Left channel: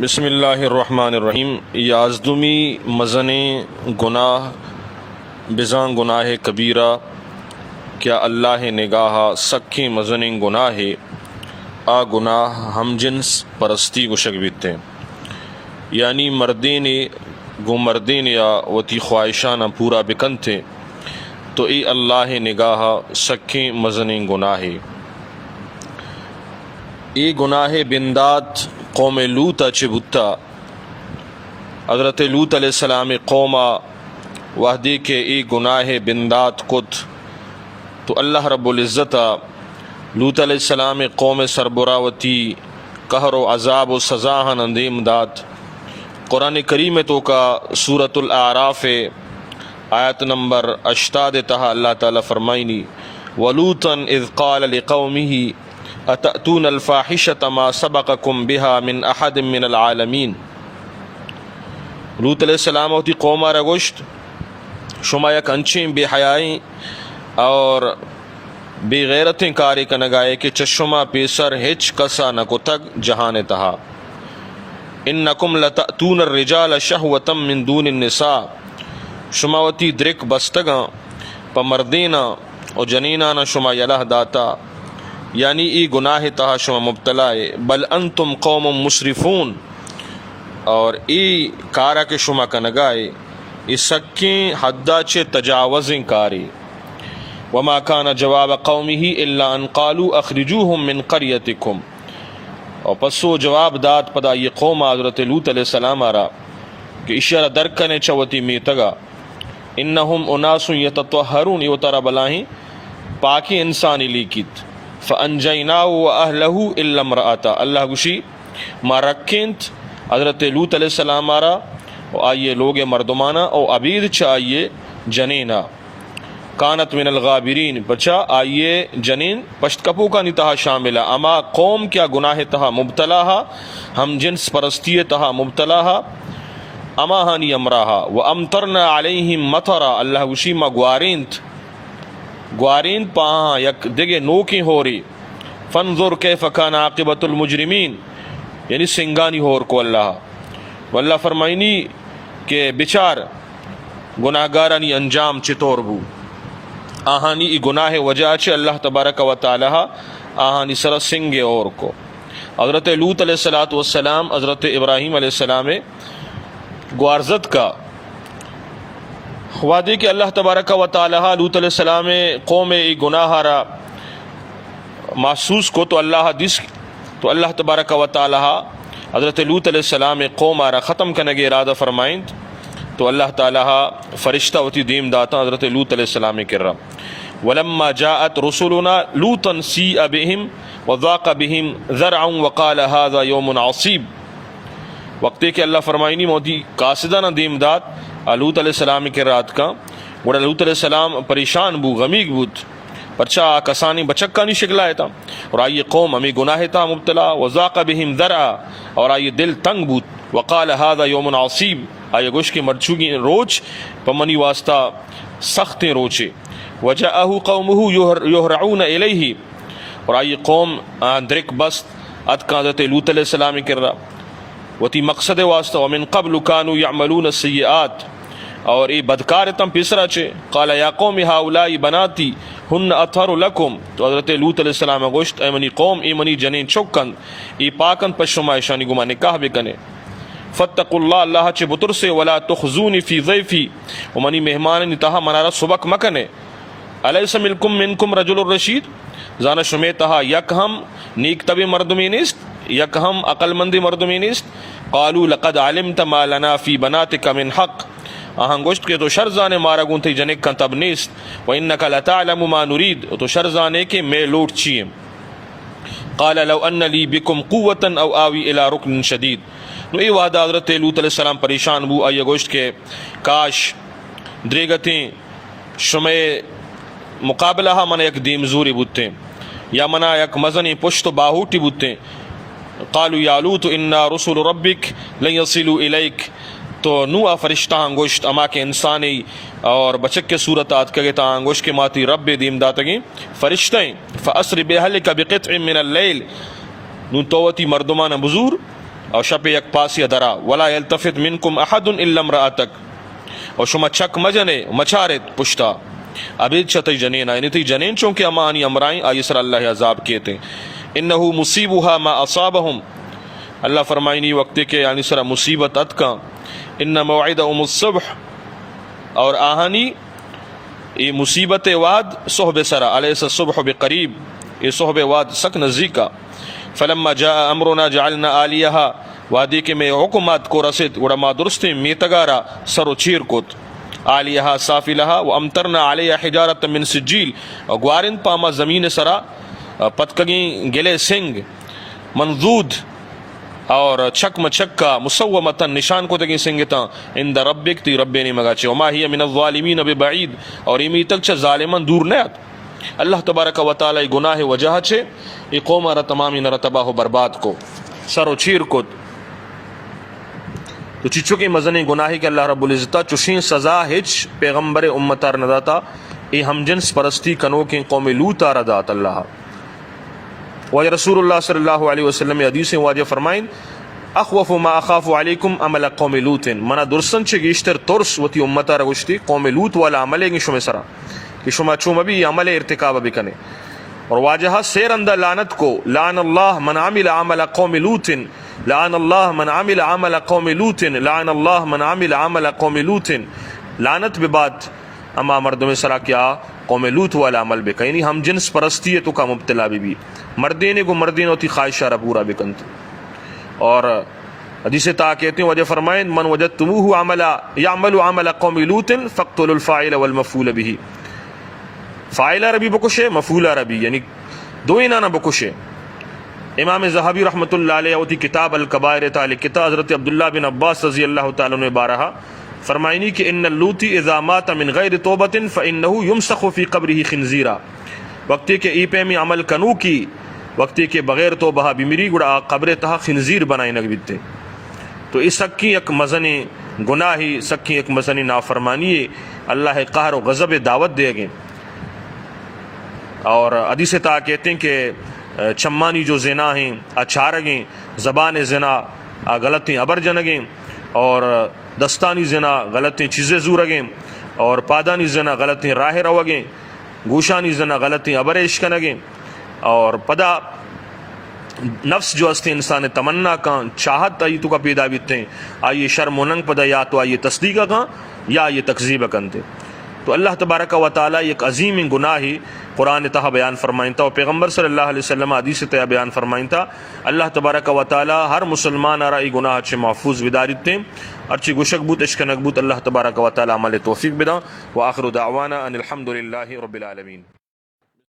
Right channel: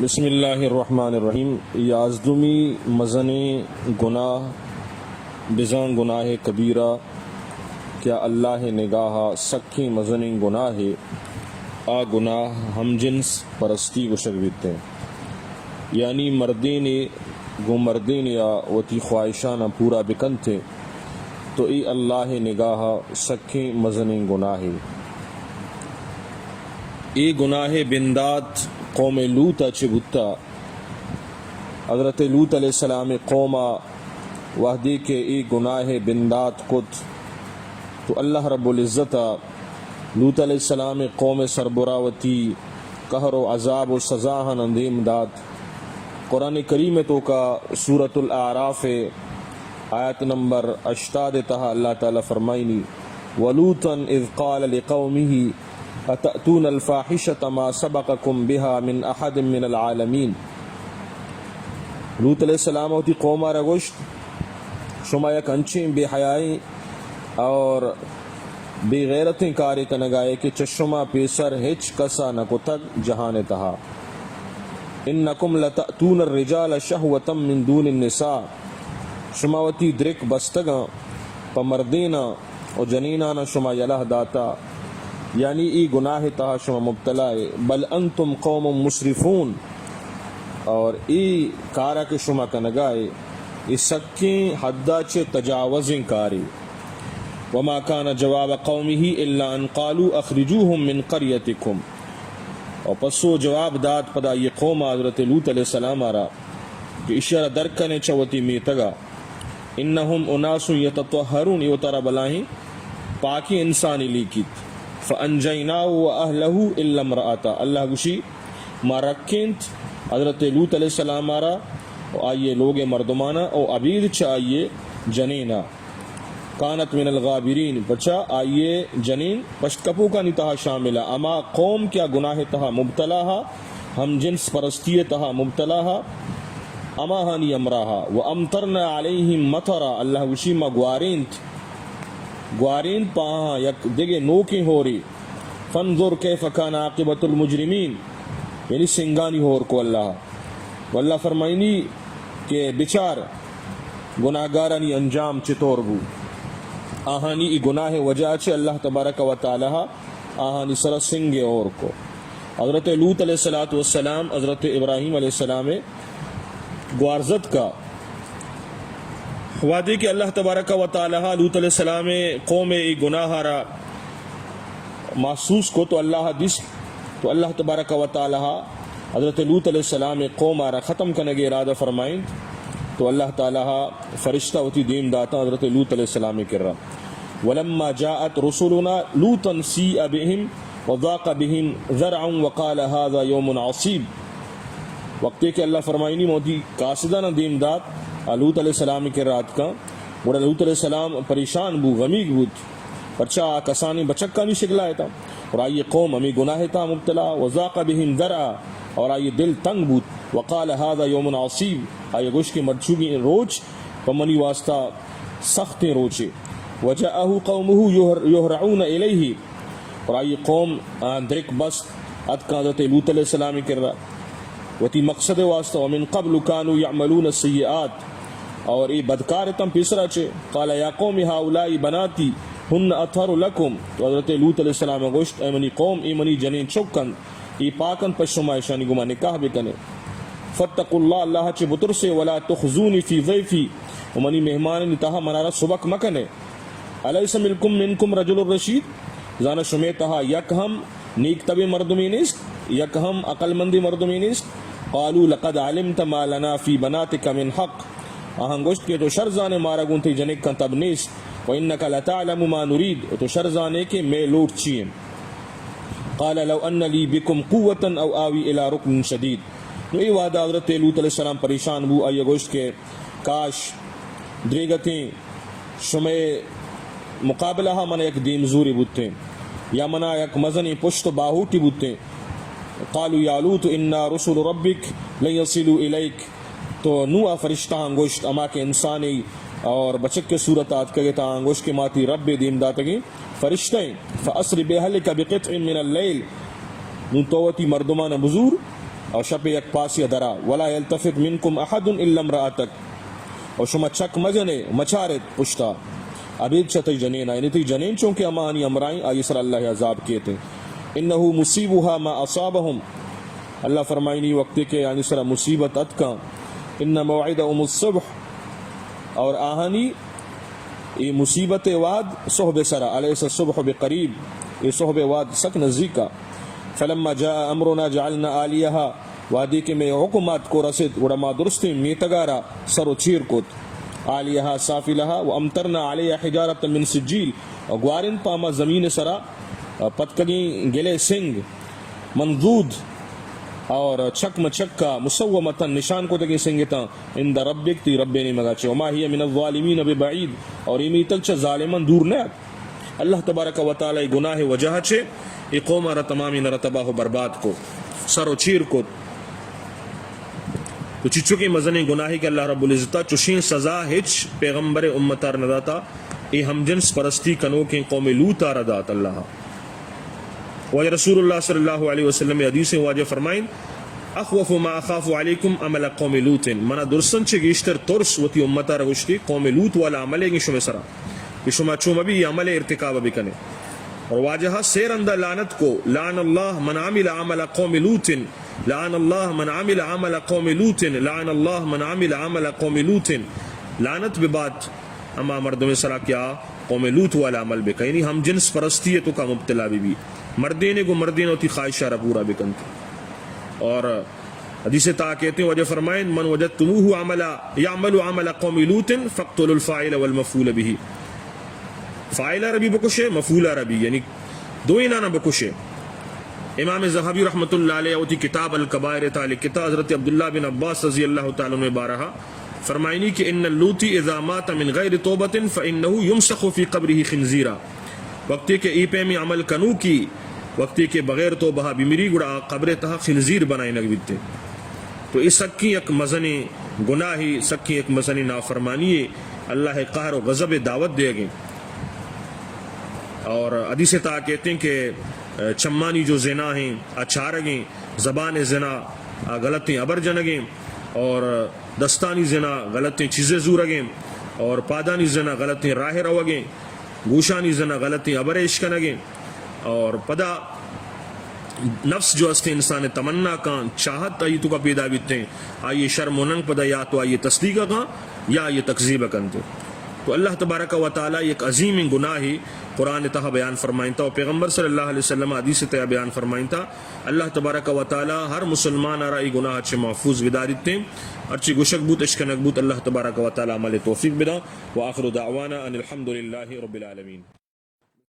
بسم اللہ الرحمن الرحیم. یازدمی مزن گناہ بزاں گناہ کبیرہ کیا اللہ نگاہ سکھیں مزن گناہ آ گناہ ہم جنس پرستی گشک بیتے یعنی مردین گو مردین یا وتی خواہشانہ پورا بکن تھے تو ای اللہ نگاہ سکھیں مزن گناہ ای گناہ بندات قوم لوتا چبتا حضرت لوت علیہ السلام قوما وحدی کے ای گناہ بندات کت تو اللہ رب العزت لوت علیہ السلام قوم سربراوتی قہر و عذاب و سزاہن اندیم دات. قرآن کریم تو کا سورۃ الاعراف آیت نمبر 88 تہا اللہ تعالیٰ فرمائنی وَلُوطًا اذ قال لقومه اتأتون الفاحشة ما سبقكم بها من احد من العالمین. لوط علیہ السلام ہوتی قوما رگوشت شما یک انچیں بے حیائیں اور بے غیرتیں کاری کنگائے کہ چشما پیسر ہچ کسا نکو تک جہان تہا. انکم لتأتون الرجال شہوتا من دون النساء شما وتی درک بستگاں پا مردینا و جنینانا شما یلہ داتا یعنی ای گناہ تہا شما مبتلائے. بل انتم قوم مسرفون اور ای کارا کے شما کنگائے ای سکیں حدہ چے تجاوزیں کاری. وما کان جواب قومه الا ان قالوا اخرجوهم من قریتکم اور پسو جواب داد پدا یہ قوم حضرت لوط علیہ السلام آرا کہ اشارہ درکنے چوتی میتگا انہم اناس یتطہرون یہ ترہ بلاہیں پاکی انسانی لیکیت فانجیناہ و اہلہ الا امرأتا اللہ گوشی ما رکھنت حضرت لوط علیہ السلام آرا و آئیے لوگ مردمانہ او عبید چا آئیے جنینہ کانت من الغابرین بچا آئیے جنین پشت کپو کا نتہا شاملہ اما قوم کیا گناہ تہا مبتلاہا ہم جنس پرستی تہا مبتلاہا اما ہانی امراہا و امترنا علیہم مطرا اللہ گوشی ما گوارین پاہاں یک دگے نوکی ہو رہی فانظر کیف کان عاقبت المجرمین یعنی سنگانی ہور کو اللہ واللہ فرمائنی کہ بچار گناہگارانی انجام چطور بو آہانی ای گناہ وجہ چے اللہ تبارک و تعالی آہانی سر سنگے اور کو. حضرت لوط علیہ السلام حضرت ابراہیم علیہ السلام گوارزت کا وعدے کہ اللہ تبارک و تعالی لوط علیہ السلام قوم ای گناہ را محسوس کو تو اللہ تبارک و تعالی حضرت لوط علیہ السلام قوم را ختم کرنے کے ارادہ فرمائند تو اللہ تعالی فرشتہ ہوتی دیم داتا حضرت لوط علیہ السلام کر رہا. ولما جاءت رسولنا لوطا سیء بهم وضاق بهم ذرعا وقال هذا يوم عصیب. وقتی کہ اللہ فرمائنی موتی قاصدہ نہ دیم دات لوط علیہ السلام کے رات کا بڑا لوط علیہ السلام پریشان بو غمیگ بود پرچا کسانی بچکا نہیں شکلائے تھا اور آئیے قوم ہمیں گناہ تھا مبتلا وضاق بهم ذرعا اور آئیے دل تنگ بود وقال هذا يوم عصیب آئیے گوش کے مرچوگی روچ پمنی واسطہ سخت روچے وجاءه قومه يهرعون الیہ اور آئیے قوم درک بست اتکا حضرت لوط علیہ السلام کر رہا وتی مقصد واسطہ ومن قبل كانوا يعملون السیئات اور ای بدکار تم پیسرا چے قال یا قوم هؤلاء بناتی ہن اطہر لکم تو حضرت لوط علیہ السلام گوشت اے منی قوم ای منی جنین چوکن ای پاکن پشما شانی گما نکاح بکنے فتقوا اللہ اللہ چے بطر سے ولا تخزونی فی ضیفی ومنی مہمان نتہا منارا سبک مکنے علیس منکم رجل الرشید زانا شمیتہا یک ہم نیک طبی مردمی نیست یک ہم عقل مندی مردمی نیست قالوا لقد علمت ما لنا فی بناتک من حق آہاں گوشت کے تو شرزانے مارا گونتی جنک کن تب نیست وَإِنَّكَ لَتَعْلَمُ مَا نُرِيد تو شرزانے کے میں لوٹ چیئے. قال لو ان لی بکم قوتا او آوی الى رکن شدید. نو ای وعدہ حضرت لوط علیہ السلام پریشان بو آئیے گوشت کے کاش دریگتیں شمع مقابلہ من یک دیم زوری بودتے یا منا یک مزنی پشت باہوٹی بودتے. قالوا یا لوط انا رسول ربک لن یصلوا الیک تو نو فرشتہ انگوشت اما کے انسانی اور بچک کے صورتات کہے تا انگوشت کے ماتی رب دیم داتگیں فرشتیں فاسر بہلک بقطع من اللیل نو توتی مردمان بزور او شپ یک پاسی درا ولا یلتفت منکم احد الا امرأتک او شما چک مجنے مچارت پشتا ابید چتی جنین یعنی تی جنین چونکہ امانی امرائیں آئی سر اللہ عذاب کیتے انہو مصیبها ما اصابہم اللہ فرمائنی وقت کے یعنی سر مصیبت اتکا ان موعدهم الصبح اور آہانی یہ مصیبت واد صحب سرا علیس الصبح بقریب یہ صحب واد سک نزدیکا فلما جاء امرنا جعلنا آلیہا وادی کے میں حکومت کو رسد وڑما درستی میتگارا سر و چیر کت آلیہا سافلہا وامترنا علیہ حجارت من سجیل گوارن پاما زمین سرا پتکگیں گلے سنگ منذود اور چھک مچکا مسومتا نشان کو تگیں سنگتا اند ربک تی رب نے مگا چھے وما ہی من الظالمین ببعید اور امی تک چھے ظالمان دور نیت اللہ تبارک و تعالی گناہ وجہ چھے یہ قوم را تمامی نر تباہ و برباد کو سر و چیر کو تو چچو کی مزنی گناہی کہ اللہ رب العزتہ چشین سزا ہچ پیغمبر امتار نداتا ای ہم جنس پرستی کنو کی قوم لوتا ردات اللہ واجہ رسول اللہ صلی اللہ علیہ وسلم حدیث واجہ فرمائن اخوف ما اخاف علیکم عمل قوم لوت منا درسن چھ گیشتر ترس وتی امتا رگشتی قوم لوت والا عملے گی شما سرا کہ شما چوم بھی عمل ارتکاب بکنے اور واجہ سیر اندہ لعنت کو لعن اللہ من عمل عمل قوم لوت لعن اللہ من عمل عمل قوم لوت لعن اللہ من عمل عمل قوم لوت لعنت ببات اما مردم سرا کیا قوم لوت والا عمل بکا یعنی ہم جنس پرستی ہے تو کا مبتلا بھی مردین کو مردین ہوتی خواہشہ را پورا بکنت اور حدیث تا کہتے ہیں وجہ فرمائن من وجدتموہ عملا یعمل عمل قوم لوت فاقتلوا الفاعل والمفعول به فاعل عربی بکشے مفعول عربی یعنی دو انانا بکشے امام زہبی رحمۃ اللہ علیہ ہوتی کتاب الکبائر تعالی کتاب حضرت عبداللہ بن عباس رضی اللہ تعالیٰ عنہ بارہا فرمائنی کہ ان اللوتی اذا مات من غیر توبت فانه یمسخ فی قبره خنزیرا وقتی کہ ای پہ میں عمل کنو کی وقتی کہ بغیر توبہ بیمری گڑا قبر تہا خنزیر بنائی نگویتے تو اس سکی ایک مزنی گناہی سکی ایک مزنی نافرمانی اللہ قہر و غضب دعوت دے گئے اور حدیث تا کہتے ہیں کہ چمانی جو زنا ہیں اچھارگیں زبان زنا غلطیں ابر جنگیں اور دستانی زنا غلطیں چیزیں زورگیں اور پادانی زنا غلطیں راہ روگیں گوشانی زنا غلطیں ابر عشقنگیں اور پدا نفس جو است انسان تمنا کا چاہت آئی تو کا پیدا بیتے ہیں آئیے شرم و ننگ پدا یا تو آئیے تصدیق کا یا یہ تکذیب کنتے تو اللہ تبارک و تعالی ایک عظیم گناہی قرآن تہا بیان فرمائنتا اور پیغمبر صلی اللہ علیہ وسلم حدیث تہا بیان فرمائنتا اللہ تبارک و تعالی ہر مسلمان آرائی گناہ اچھے محفوظ بدارتے ہیں ارچی گشک بوت اشکنک بوت اللہ تبارک و تعالی عمل توفیق بدا وآخر دعوانا ان الحمدللہ رب العالمین.